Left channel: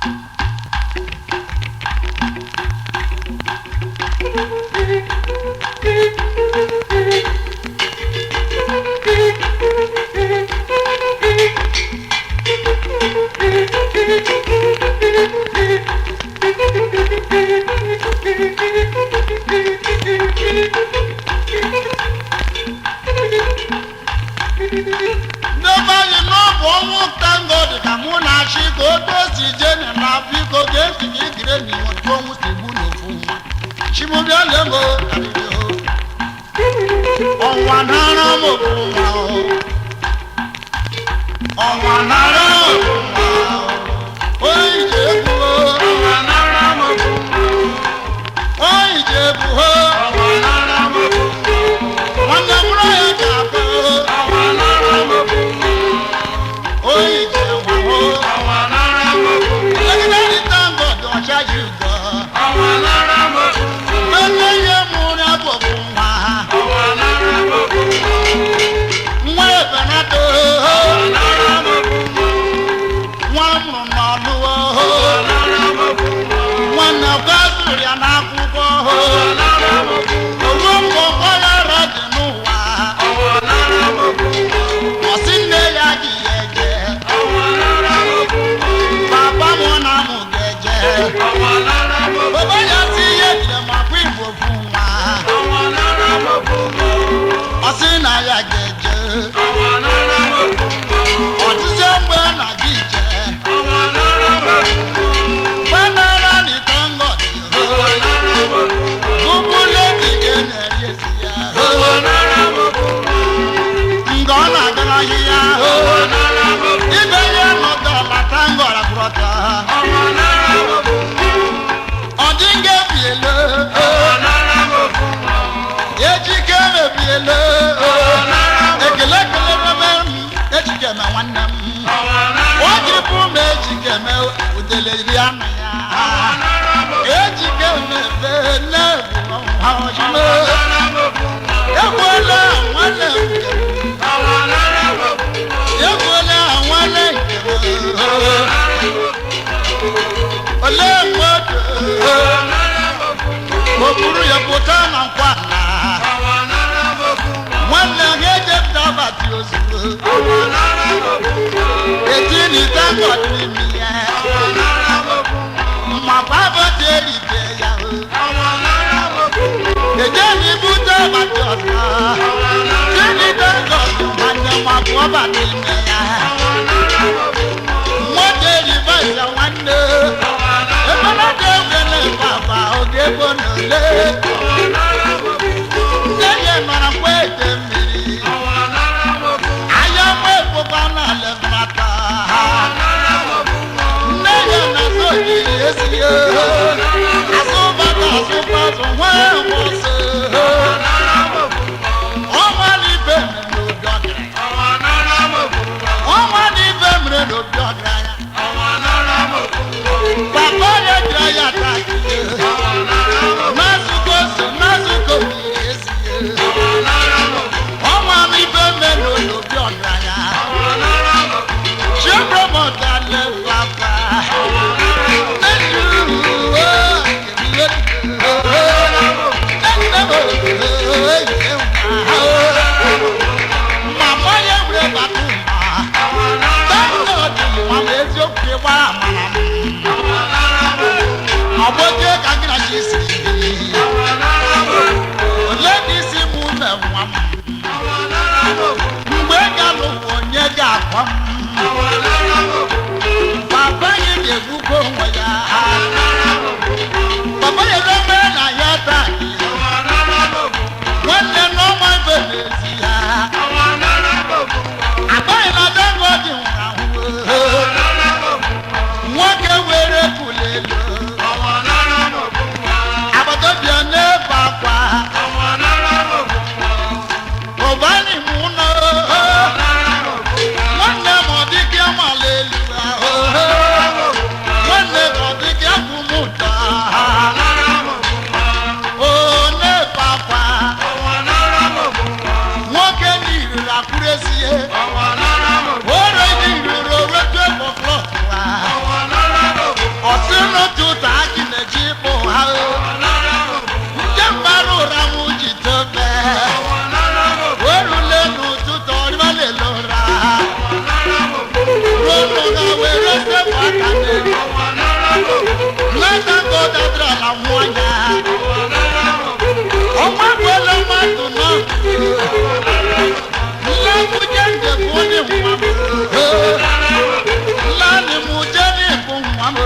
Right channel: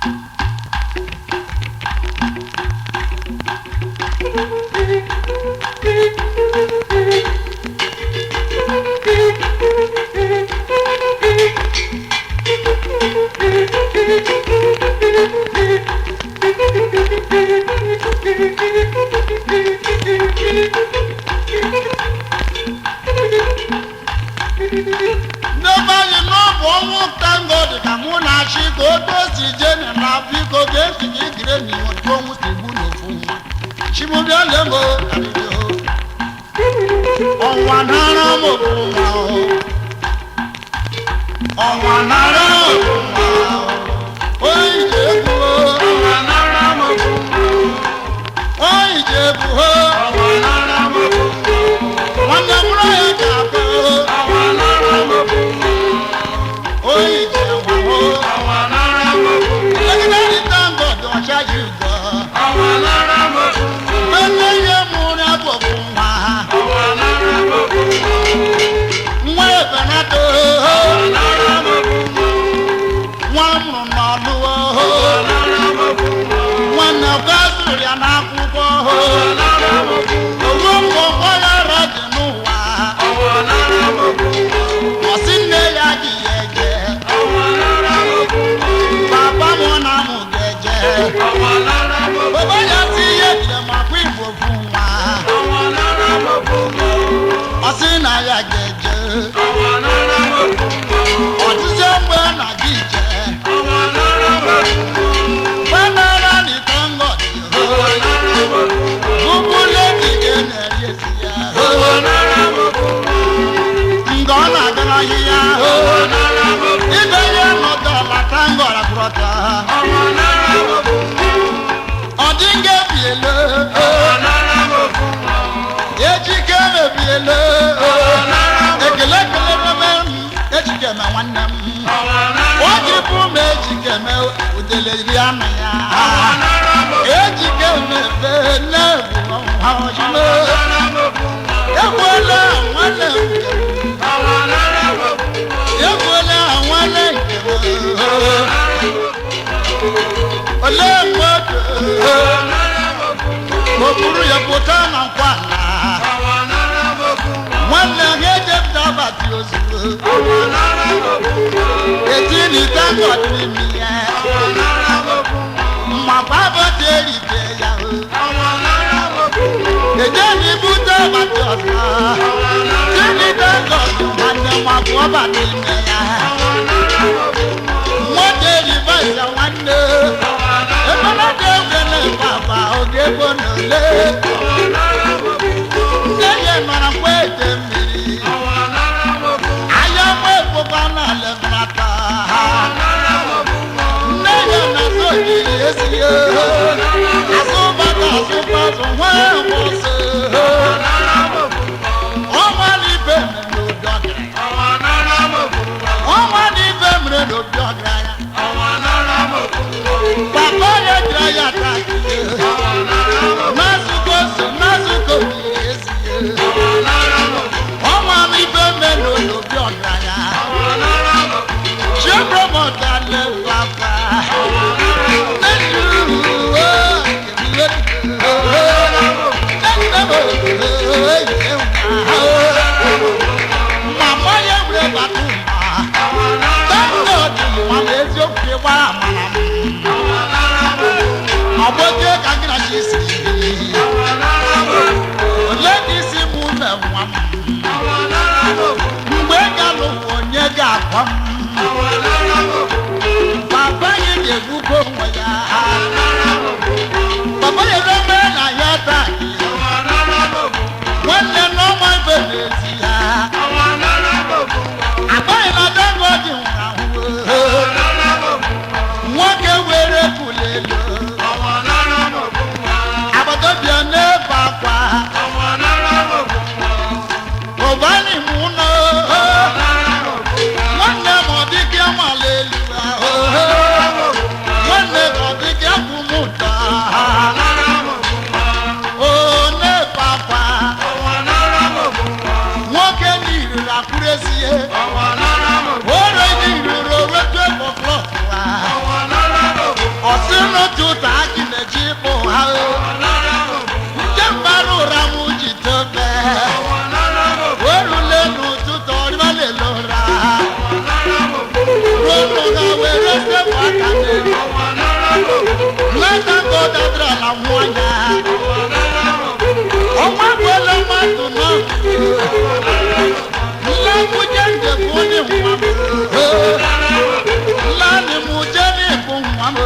Nobody know what thank God that Mona she go to see Jen and Africa get to get me what's wrong with the moon. She will be a lemon. On one hand, on one hand, n'ụtụtụ adị na-eji ịkpụ ha nke mbara ụra m ji tobe orule n'ụtụtụ ọrịbalele ụra ruo n'ụra were sepụ aka n'aka godadra na nwanya ọnwa gwele mmadụ n'ọkụ nlekụje njem onye nwa m nlanị m jere ịbụ nwa m